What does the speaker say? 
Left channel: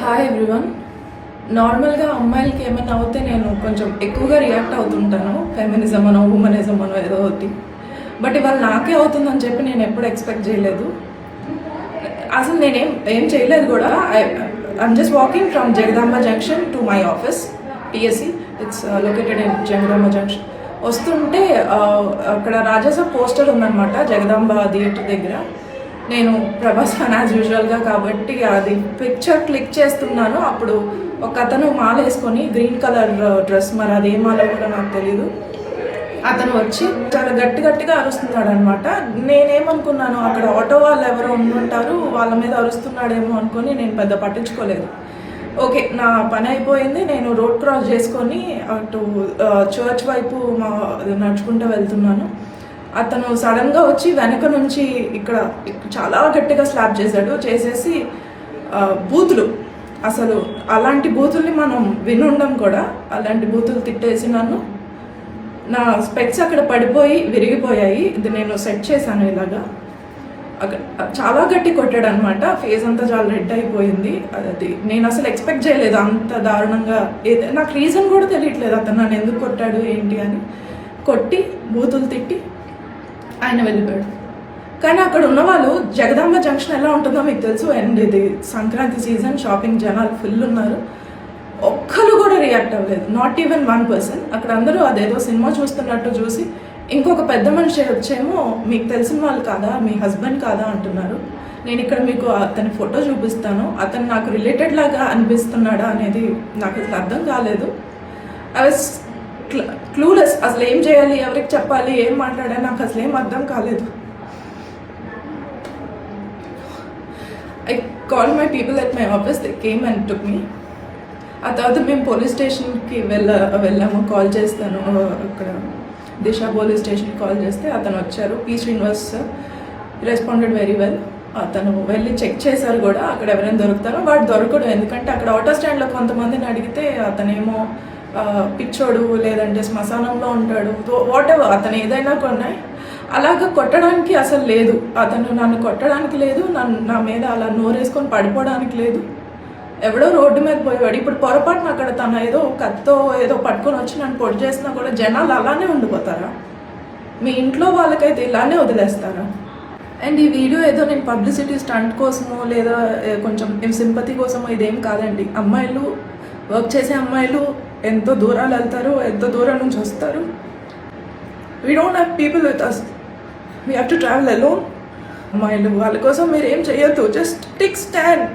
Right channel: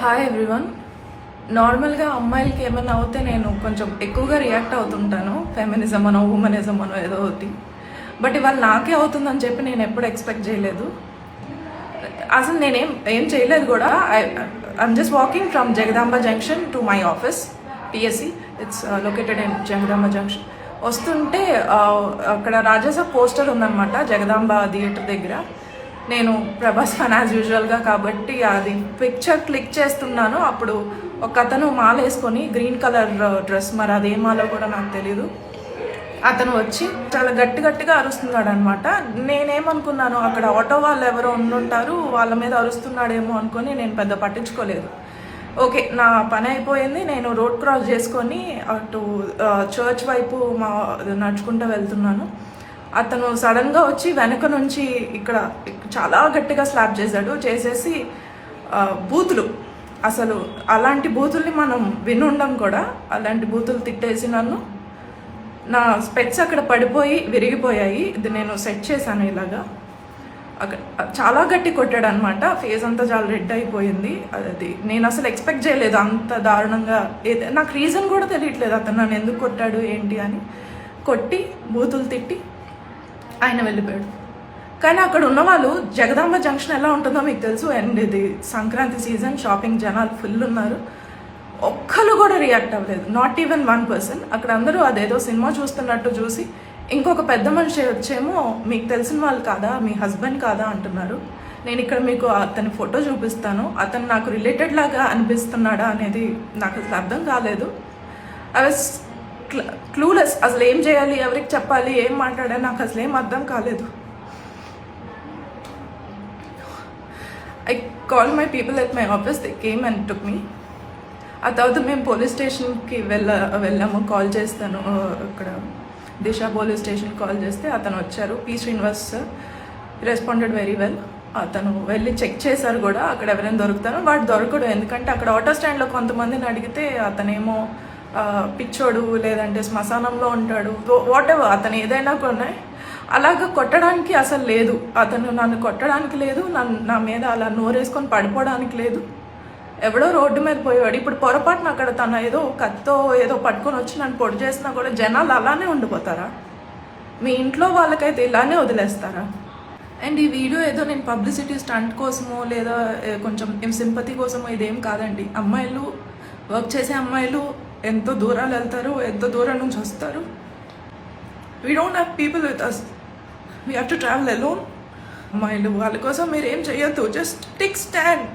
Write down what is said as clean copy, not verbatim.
Hi everyone. నార్మల్గా అమ్మాయిలకి ఏమైనా అవుతే నేను కొంచెం ఎక్కువగా రియాక్ట్ అవుతుంటాను, ఫెమినిజం అనో ఉమెనిజం అనో ఏదో ఒకటి. బట్ ఇవాళ నాకే అవుతుందని చెప్పి నేను ఎప్పుడు ఎక్స్పెక్ట్ చేయలేదు. అసలు నేనేం చేయలేదు కూడా. I'm just walking from Jagadamba junction to my office, PSC. It's located in Jagadamba junction. వస్తుంటే అక్కడ రాజాసాబ్ పోస్టర్ ఉందన్నమాట జగదాంబ థియేటర్ దగ్గర. నేను ప్రభాస్ ఫ్యాన్ యాజ్ యూజువల్గా కాబట్టి అది పిక్చర్ క్లిక్ చేస్తున్నాను. అప్పుడు ఒక అతను మాల వేసుకొని గ్రీన్ కలర్ డ్రెస్, మరి అది ఏ మాలో కూడా నాకు తెలీదు, అతను వచ్చి చాలా గట్టిగా అరుస్తున్నాడు అనమాట. నేనేమనుకున్నాను, అక్కడ ఆటో వాళ్ళు ఎవరో ఉండుంటారు, వాళ్ళ మీద అరుస్తున్నాడేమో అనుకొని నేను పెద్ద పట్టించుకోలేదు. ఓకే, నా పని అయిపోయింది. నేను రోడ్ క్రాస్ చేసుకొని అటు చర్చ్ వైపు నడుచుకుంటూ వెళ్తున్నాను. అతను సడన్గా వచ్చి వెనక నుంచి ఇక్కడ చాలా గట్టిగా స్లాప్ చేసేసి బూతులు, అసలు అలాంటి బూతుల్ని మనం వినుండం కూడా, అలాంటి బూతులు తిట్టేసి నన్ను, నా స్పెక్స్ అక్కడ పడిపోయి విరిగిపోయాయి. ఇది నేను సెట్ చేశాను ఇలాగా. చాలా గట్టి కొట్టాడు అనమాట. ఫేస్ అంతా చాలా రెడ్ అయిపోయింది. అది నేను అసలు ఎక్స్పెక్ట్ చేయలేదు అంత దారుణంగా. నాకు రీజన్ కూడా తెలియట్లేదు అతను నన్ను ఎందుకు కొట్టాడు ఏంటి అని. కొట్టి బూతులు తిట్టి ఆయన వెళ్ళిపోయాడు. కానీ అక్కడ ఉన్న వాళ్ళు, జగదాంబ జంక్షన్ ఎలా ఉంటుందో మీకు తెలుసు, అండ్ ఇది సంక్రాంతి సీజన్, షాపింగ్ జనాలు ఫుల్ ఉన్నారు. ఒక్కరు కూడా రియాక్ట్ అవ్వలేదు, నాట్ ఈవెన్ వన్ పర్సన్. అక్కడ అందరూ అదేదో సినిమా చూస్తున్నట్టు చూసి, ఇంకొక పెద్ద మనిషి వచ్చేమో మీకు తెలిసిన వాళ్ళు కాదా, మీ హస్బెండ్ కాదా అంటున్నారు. నేను ఇక్కడ మీకు అతని ఫోటో చూపిస్తాను. అతను నాకు రిలేటెడ్ లాగా అనిపిస్తున్నాడా అనేది నాకు అసలు అర్థం కాలేదు. I was clueless. అసలు ఏం చేయాలి, ఎవరికి చెప్పాలి, ఏం మాట్లాడాలి నాకు అసలు ఏం అర్థం కాలేదు. I call my people at my office, they came and took me. ఆ తర్వాత మేము పోలీస్ స్టేషన్కి వెళ్ళాము. కాల్ చేస్తాను, ఇక్కడ దిశ పోలీస్ స్టేషన్కి కాల్ చేస్తే అతను వచ్చారు. P Srinivas sir responded very well. అతను వెళ్ళి చెక్ చేశారు కూడా అక్కడ ఎవరైనా దొరుకుతారో. వాడు దొరకడు, ఎందుకంటే అక్కడ ఆటో స్టాండ్లో కొంతమందిని అడిగితే అతనేమో పిచ్చోడు, లేదంటే శ్మశానంలో ఉంటాడు, వాట్ ఎవర్, అతను ఏదైనా కొన్నాయి. అలాగా కొట్టడానికి అసలు లేదు, అతను నన్ను కొట్టడానికి లేదు, నా మీద అలా నోరేసుకొని పడిపోవడానికి లేదు. ఎవడో రోడ్డు మీద పోయేవాడు. ఇప్పుడు పొరపాటున అక్కడ తన ఏదో కత్తో ఏదో పట్టుకొని వచ్చి నన్ను పొడి చేసినా కూడా జనాలు అలానే ఉండిపోతారా? మీ ఇంట్లో వాళ్ళకైతే ఇలానే వదిలేస్తారా? అండ్ ఈ వీడియో ఏదో నేను పబ్లిసిటీ స్టంట్ కోసమో లేదా కొంచెం సింపతి కోసమో ఇదేం కాదండి. అమ్మాయిలు, వర్క్ చేసే అమ్మాయిలు ఎంతో దూరాలు వెళ్తారు, ఎంతో దూరం నుంచి వస్తారు. We don't have people with us, we have to travel alone. అమ్మాయిలు వాళ్ళ కోసం మీరు ఏం చేయొద్దు, జస్ట్ టేక్ స్టాండ్.